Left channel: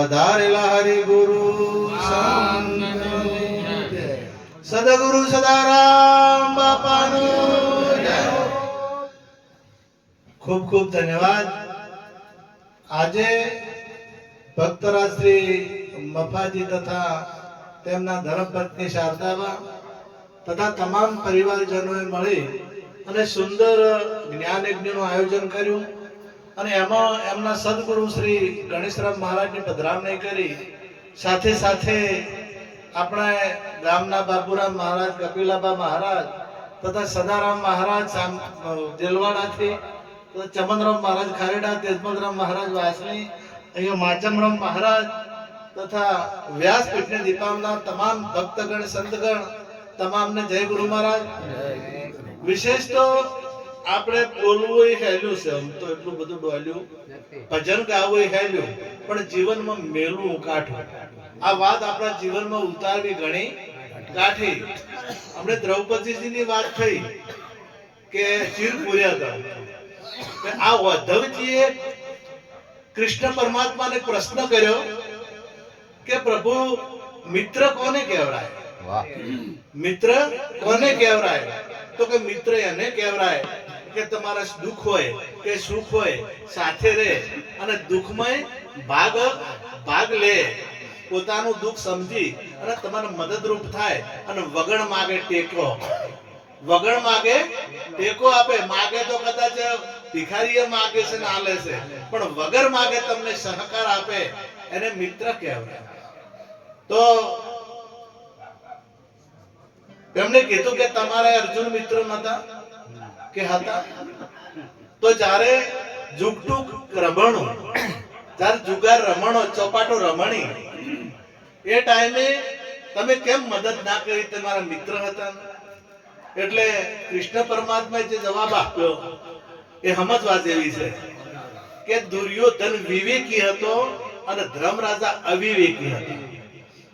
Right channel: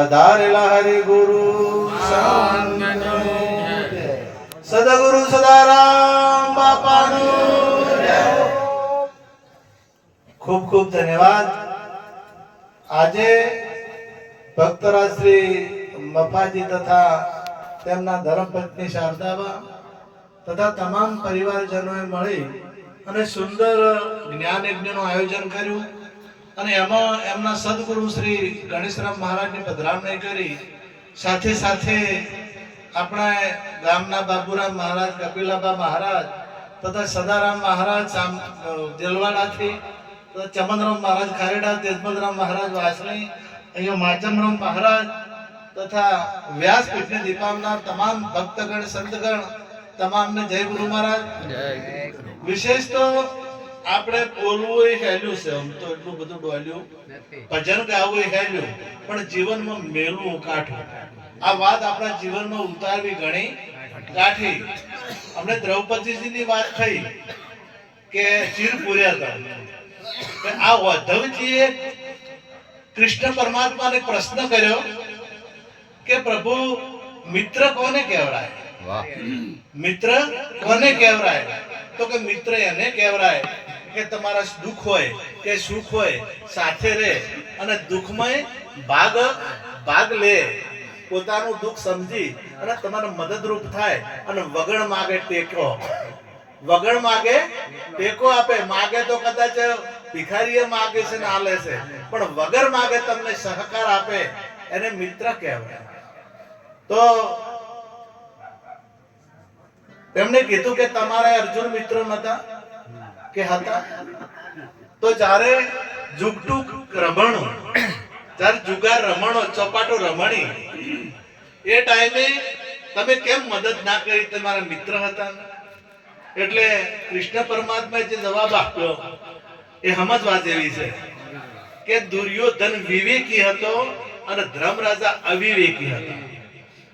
પધારેલા હરિ ગુરુ સદગુરુ સદારામ બાપાનું જય. ખૂબ ખૂબ ધન્યવાદ. આજે ભક્તરાજ શ્રી મફાજી તથા તેમના ધર્મપત્ની શારદાબા તથા તમામ પરિવારજનોએ મળી અને સુંદર જ્ઞાન યજ્ઞનું આયોજન કર્યું અને એમાં એમના સદગુરુ શ્રી ગણેશરામ મહારાજની પધરામણી કરી. સાથે સાથે આપણા ગામના બાબુરામ મહારાજ, કપિલાબા મહારાજ તથા સદારામ મહારાજ જેલવાડાથી, ચમનરામ મહારાજ ખારેડા, તેજમલરામ મહારાજ વાસણી, અહીંયા માચમરામ મહારાજ તથા વ્યાસપીઠને દીપાવનાર તમામ ભક્તગણ સંતગણ તમામને જય ગુરુ મહારાજ. વિશેષ તો આપણે બોલવું એ હેલ્યું છે, આમ તો એટલું બધું ડોલ્યું, ભજન ગાવું એ હેલ્યું, પણ જીવનમાં મેલવું કાઠું. આ વાત આપણા જીવનમાં ઉતારવી ઘણી કાઠી. આપણે દ્રૌપદીજીની વાત થઈ કે ચીર પૂર્યા હતા. આ ઉદ્ધવજીએ કૃષ્ણ પરમાત્માને પ્રશ્ન કર્યો કે પ્રભુ મિત્ર કોને કહેવાય? મિત્ર કોને કહેવાય? તો કે મિત્ર એને કહેવાય કે તમારા દુઃખ હોય કે સુખ હોય સાથે રહે અને દુઃખમાં ભાગ લે, પોતાનું દુઃખ સમજી અને તમારે મદદરૂપ થાય અને વગણ માગે ટેકો, વગણ માગે ટેકો આપે. માગે તો કદાચ ભિખારીએ માગે છે ને આલે છે, પણ વગર માગે તમને સહકાર આપે એને મિત્ર કહેવાય. તો તેમને કીધું કે તમારા અર્જુન મિત્ર નતા કે હતા? તો જ્યારે જુગટુક રમણો, જ્યારે જુગાર રમણો, ચોપાટો રમણી, એ ટાઈમે તમે કેમ મદદ ના કરી? તમારા મિત્ર હતા. એટલે કૃષ્ણ પરમાત્માએ જે જવાબ આપ્યો એ સમજવા જેવી છે કે દુર્યોધન વિવેકી હતો અને ધર્મરાજા અવિવેકી હતો.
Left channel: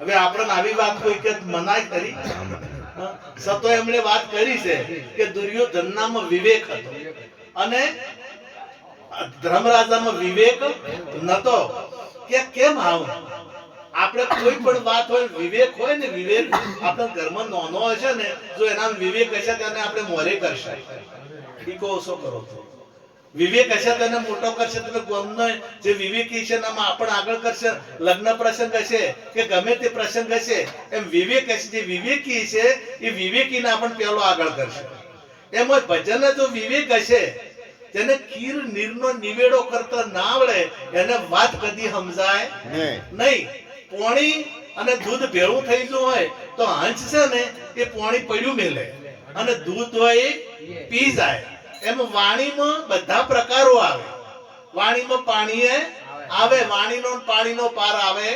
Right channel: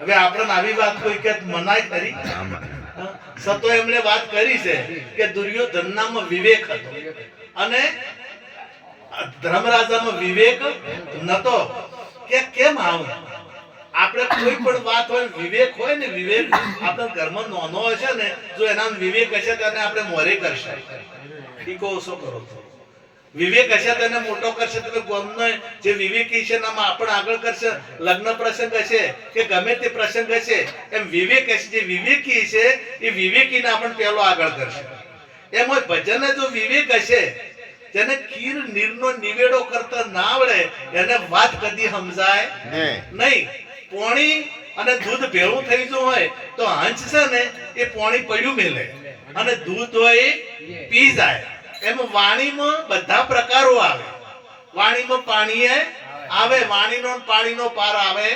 હવે આપણને આવી વાત કોઈ કે મનાય કરી? સતો એમણે વાત કરી છે કે દુર્યોધનનામાં વિવેક હતો અને ધર્મરાજામાં વિવેક નતો. કે કેમ આવું? આપણે કોઈ પણ વાત હોય, વિવેક હોય ને, વિવેક આપણા ઘરમાં નાનો હશે ને, જો એના વિવેક હશે તેને આપણે મોરે કરશે. ઈકો ઓછો કરો છો. વિવેક હશે તેને મોટો કરશે. તમે ગોમનો જે વિવેકી છે એનામાં આપણે આગળ કરશે. લગ્ન પ્રસંગ હશે કે ગમે તે પ્રસંગ હશે, એમ વિવેક હશે, જે વિવેકી છે એ વિવેકીને આપણે પહેલો આગળ કરશે. એમ ભજન જો વિવેક હશે, જેને ખીર નીરનો નિવેડો કરતા ના આવડે એને વાત કદી સમજાય નહીં. પોણી અને દૂધ ભેળું થઈ ગયું હોય તો હંસ છે ને એ પોણી પડ્યું મેલે અને દૂધ હોય એ પી જાય. એમ વાણીમાં બધા પ્રકારો આવે. વાણીમાં પાણી આવે, વાણીનો પાણીનો પાર આવે.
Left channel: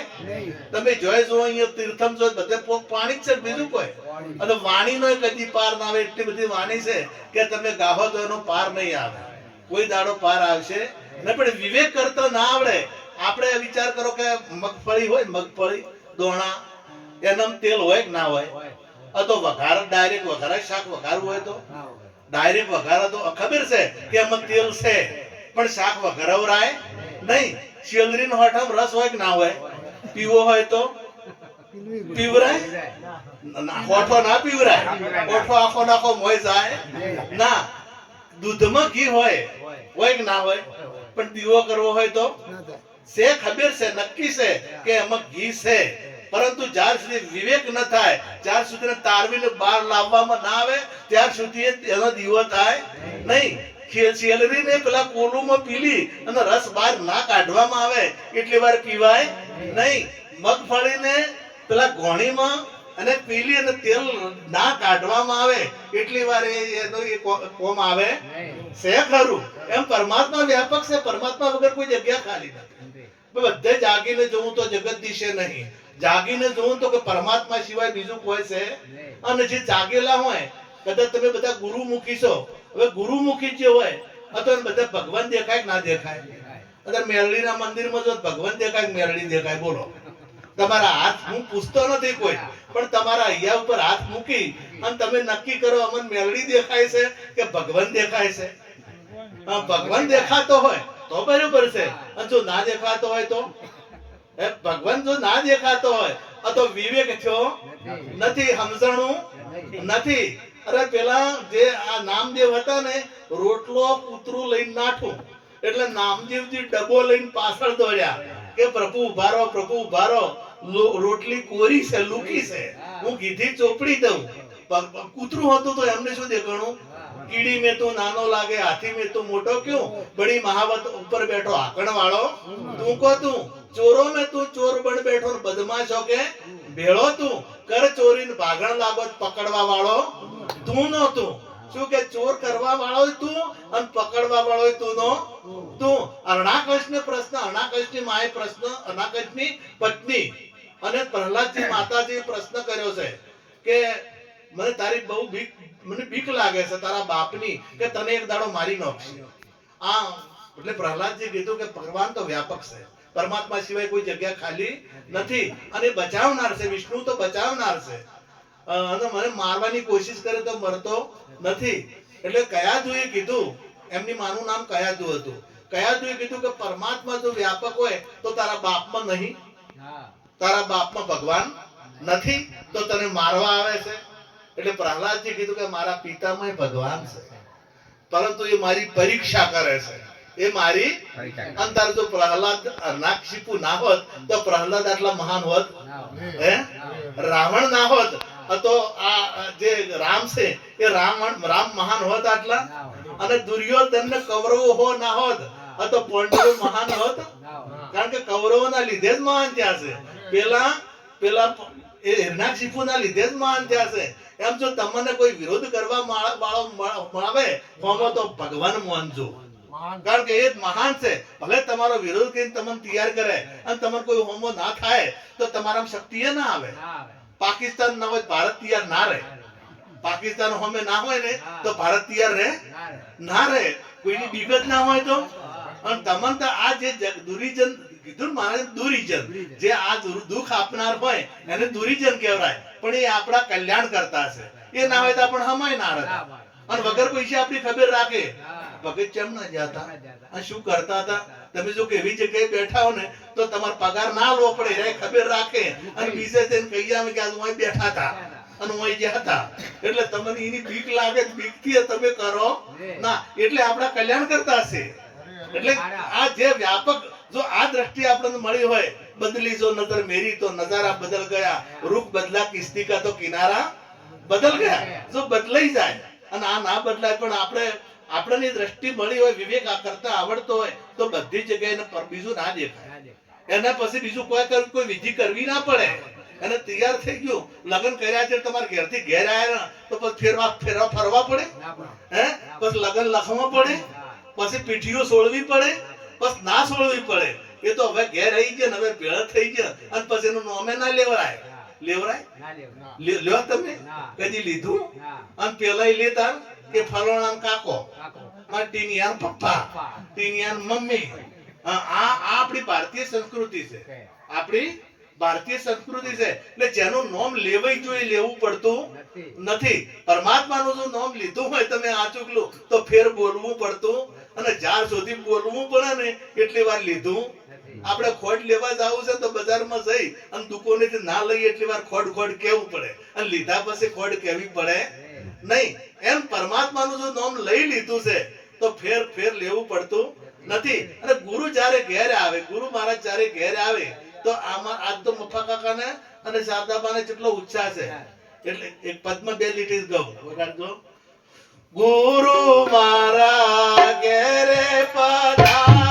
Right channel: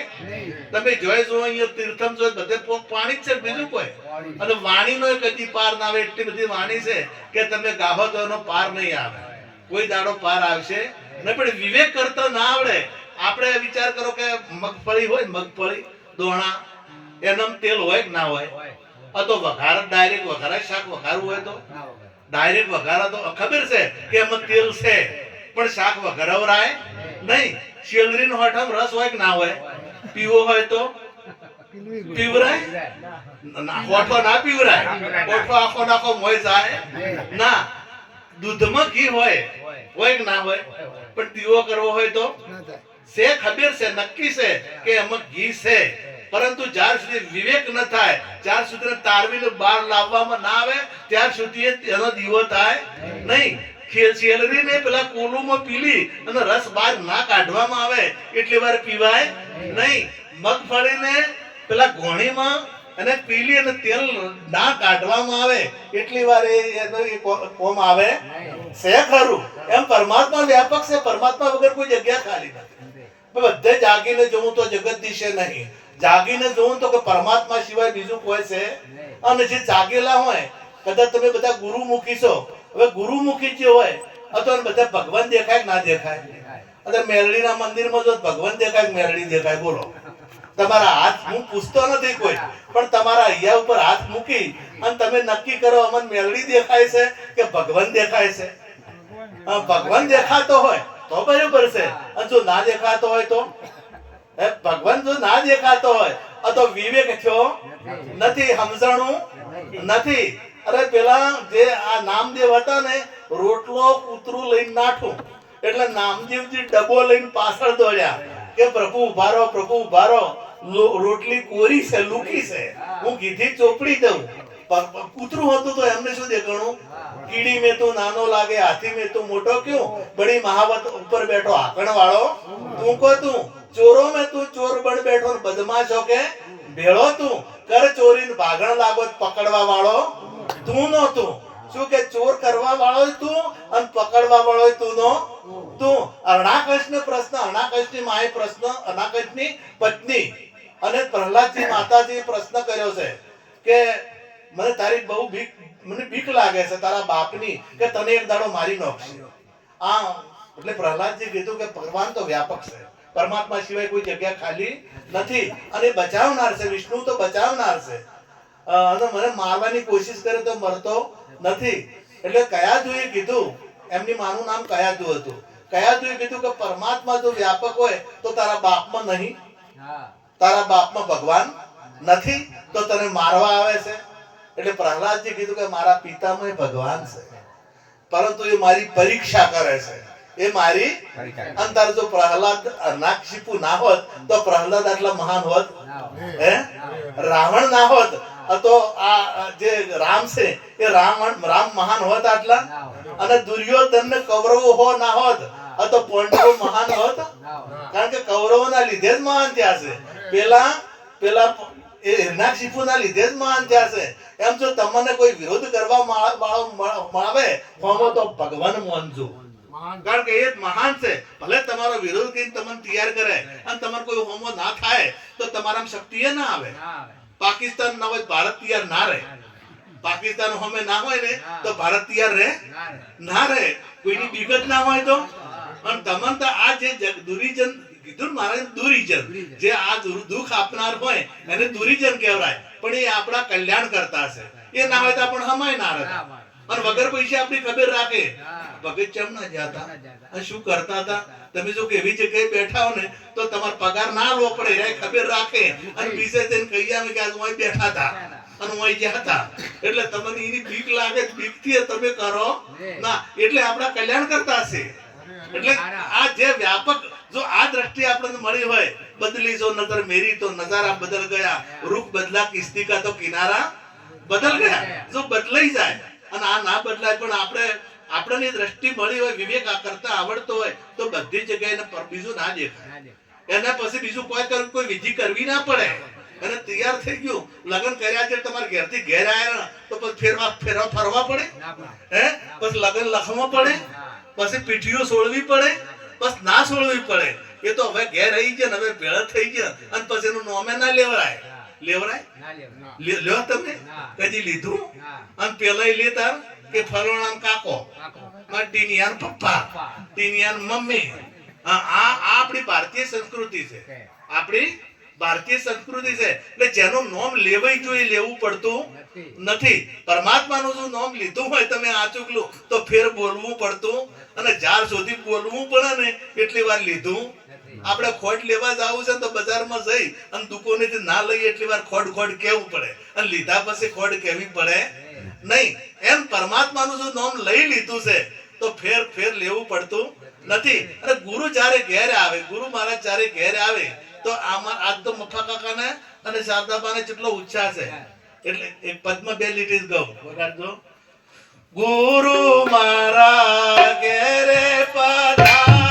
તમે જોઈ જો અહીંયા તીર્થમ જો બધે પાણી જ છે, બીજું કોઈ. અને વાણીનો કદી પાર ના આવે. એટલી બધી વાણી છે કે તમે ગાહો તો એનો પાર નહીં આવે. કોઈ દાડો પાર આવશે ને. પણ વિવેક કરતો ના આવડે. આપણે વિચાર કરો કે મગફળી હોય, મગફળી દોણા, એનામાં તેલ હોય કે ના હોય? તો વઘાર ડાયરેક્ટ વઘાર શાક વઘારવું હોય તો ડાયરેક્ટ વઘારા તો ખબર છે કે એમાં તેલ છે, પણ શાક વઘારવરાય નહીં. શેલરીનો હોઠામાં રસ હોય કે ના હોય? પીવો હોય તો પીવરાય? હોઠો ના પીવરાય. હોઠો આખો નાખો મોય જાય ના. દૂધમાં ઘી હોય કે ના હોય? પણ પીવો કરવો હોય તો છે, ખબર છે, નક્કી છે કે એમાં ઘી છે. પરંતુ જ્યાર સુધી વિવેક ન થાય, જ્યાર સુધી તારવીને બહાર લાવવામાં ના આવે, ત્યાર સુધી એનો દીવો થાય નહીં. શેલરીને પેલા કોલુમાં પીલી અને રસ બહાર ના કાઢવામાં આવે એટલી વાર પીવાય નહીં. મગફળીને પેલા ઘોણીમાં અને પીલી અને તેલ ના કાઢવામાં આવે એટલી વાર એનો કોમ આવે છે ખરું. એમ પરમાત્મા વ્યાપક છે. પરમાત્મા વગર કોઈ જગ્યા ખાલી નથી. બધે જાગીને જોવું તો જગતદીશ નહીં, જાગીને જોવું તો કે પરમાત્મા સિવાય બીજું કોઈ છે. અને જે જાગેલા હોય, કદાચ તમે બધા ગુરુમુખી છો. હવે ગુરુમુખી જે હોય અથવા બધા ભગવાન દેખાય ના દેખાય? અત્યારે મેરડીના મંદિરમાં જો ભગવાન દેખાય, મેરડી દેખાય? બોલો. તમારા હાથ, હું પૂછતો નથી કોઈ, પણ તમારા અહીંયા ઉપર હાથ મૂકી અને તમે નક્કી કરો અમને મેરડી દેખાય છે કે ભગવાન દેખાય છે? ભગવાન દેખાતો હોય તો બરોબર છે, અને જો ના દેખાતો હોય તો ભગવાન જો ના દેખાતો હોય તો વિવેક થયો નથી, સમજણું નથી. અરે પેલા જે આ નામદેવ હતા ને, રોટલો કૂતરું લઈને નાઠું એટલે નામદેવજી ડબ્બો લઈને પાછળ દોડ્યા કે પ્રભુ ઉભા રહો, પ્રભુ ઉભા રહો, રોટલી કોરી છે, લૂકી છે, હું કીધી ચોપડી દઉં. કૂતરું હતું તો એમને શું દેખાણું? કીડી મેં તું નાનો લાગે, હાથી મેં તું મોટો ક્યું, બડી મહાવત ઉપર બેઠો હાકણ વાળો તું કો તું, ચોરો મેં તું ચોર બન બેઠો, બદમાશો કે ભેળો તું, કર ચોરી ભાગણ લાગો પકડવા વાળો તું નો તું. શું કે ચોર કરવા વાળો તું અને પકડવા વાળો તું નો તું. અરણાકશને પ્રશ્ન, અરણાકશની માએ પ્રશ્ન, અરણાકશની પત્ની અને પ્રહલાદજી માતાજી પ્રશ્ન કર્યો છે કે મને તારી બહુ બીક, મને બીક લાગે છે તારા બાપની, કે તને એક દાડો મારી નાખશે. આ એટલે પ્રહલાદજી કીધું કે ભગવાન તો વ્યાપક છે, પરમાત્મા સિવાય કોઈ જગ્યા ખાલી નથી અને બચાવનાર છે, વિષ્ણુ તો બચાવનાર છે. અને મને મારવાની કોશિશ કરે તો મરતો નથી. એટલે કયાધુએ કીધું, એમની માનું નામ કયાધુ હતું, કયાધુએ કીધું કે પરમાત્મા જો વ્યાપક હોય તો તારા બાપમાં નહીં, તારા બાપમાં ભગવાન નથી તો તને મારવા આવે છે. એટલે પ્રહલાદજી કીધું કે મારા પિતામાં ભગવાન છે, પરંતુ એ મારી પરીક્ષા કરે છે, એ મારી અંતર. જો પ્રહલાદ અરનાક્ષિપુ ના હોત તો પ્રહલાદ આટલા મહાન હોત, હે રાવણ ના હોત તો આ જે રામ છે એ રામ મહાન હોત આટલા, અને દુર્યોધન ને કૌરવો હો ના હોત તો પાંડવો મહાન હોત, કારણ કે કૌરવો ના લીધે જ મહાન થયા છે. પેલા એ હિરણાક્ષિપુ ના લીધે જ મહાન થયા છે. એમ જો તમને કોઈ વિરોધ કરવા વાળો મળે તો ભગવાન માનજો, કારણ કે એ જ મહાન છે. ભલે તમારો વિરોધ કરીને તમને તૈયાર કરે અને તમારે કોઈ હોમો ના થાય તો તમારામાં શક્તિ ના આવે. પાકિસ્તાન ના હોય ભારત તૈયાર ના રહે, પાકિસ્તાન હોમે ના હોય ને તો ભારત તૈયાર રહે ના રહે, કોઈની વિગત ના હોય તો. અને તમને તો આ જે દુરીજન કીધું મારે, દુરીજન જે આ દુઃખ આપનાર હોય એને દુરીજન કહેવાય, પણ એ આપણા કલ્યાણ કરતા છે. એ ના હોય તો આપણે હમાય ના રહે. અને વગર પૈસા આપણી ખબર રાખે ભગત કેમ ના જતા અને શું કરતા હતા. તમે જો કેવી જગ્યાએ બેઠા હો ને તો તમારો પગાર ના લો પડે, એ ખબર રાખે અને બીજે જઈને કહી આવે કે આજ હું બેઠા હતા અને હું ગયા હતા. એટલે તમને એની બીક લાગે, બીક થી તમે કરો ના, એટલે આપણા કલ્યાણ કરતા છે. એટલે આ જે વ્યાપક જો આ દ્રષ્ટિ આપણને મળી હોય, બદલી જો નજર મેરી તો નજારા બદલ ગયા, રૂખ બદલા કિસ્તી કા તો કિનારા બદલ ગયા. જો બદલાઈ જાય અને આ ના બદલાય, પણ આપણને દ્રષ્ટિ મળી હોય, વિવેક કરતા આવડતો હોય તો બધી જગ્યાએ બીજું ના દેખાય. એના પછી બીજું કોઈ વિધિ કરવી ના પડે. અને તૈયાર થઈ ગયું, લગ્ન કર્યા છે, તમારા ઘેરથી ઘેર આવ્યા તો પછી ફરવા પડે, હે પછી લગ્ન લખવા પડે, પછી પીઠીઓ છોડવી પડે, બસ ના છોડવી પડે. એ તો હવે ઘેર આવી ગયા, હવે ભેળ થઈ ગયા અને પછી એનું નોમે ના લેવરાય. લ્યો તમે કદી લીધું? અને પેલા લેતા કે ફલોણા કાકો, ટીનિયાન પપ્પા, ટીનિયાન મમ્મી. આ આપણી ભારતીય સંસ્કૃતિ છે, આપણી ભારતીય સંસ્કૃતિ છે. એટલે જેનું નામ લેવાય જોઈએ લેવું પડતું નથી. પરમાત્માનું જો નામ લીધું હોય તમે આચુકલું તો ફેર બોલવું પડતું, અને જ્યાર સુધી બોલવું પડે ને એટલી વાર લીધું. આપણે ખોટ લેવા જવું છે તો બજારમાં જઈ અને દુકાનેથી ના લઈએ એટલી વાર ખોટ કેવું પડે, અને લીધા પછી ખોટ કેવી પડે નહીં. એમ પરમાત્માનું જો નામ લઈ લીધું છે તો ફેર લેવું પડતું નથી. અને ગુરુ જયારે ઘેર આવે, ગુરુ મહારાજ જયારે ઘેર આવે તો આજ તો મફા કાકાને અને શારદાબાને કેટલો ઉત્સાહ છે. એટલે એક પદ્મ 2 લીટી ગાઉં વગાડજો. ગુરુ મારા ઘેરે પધાર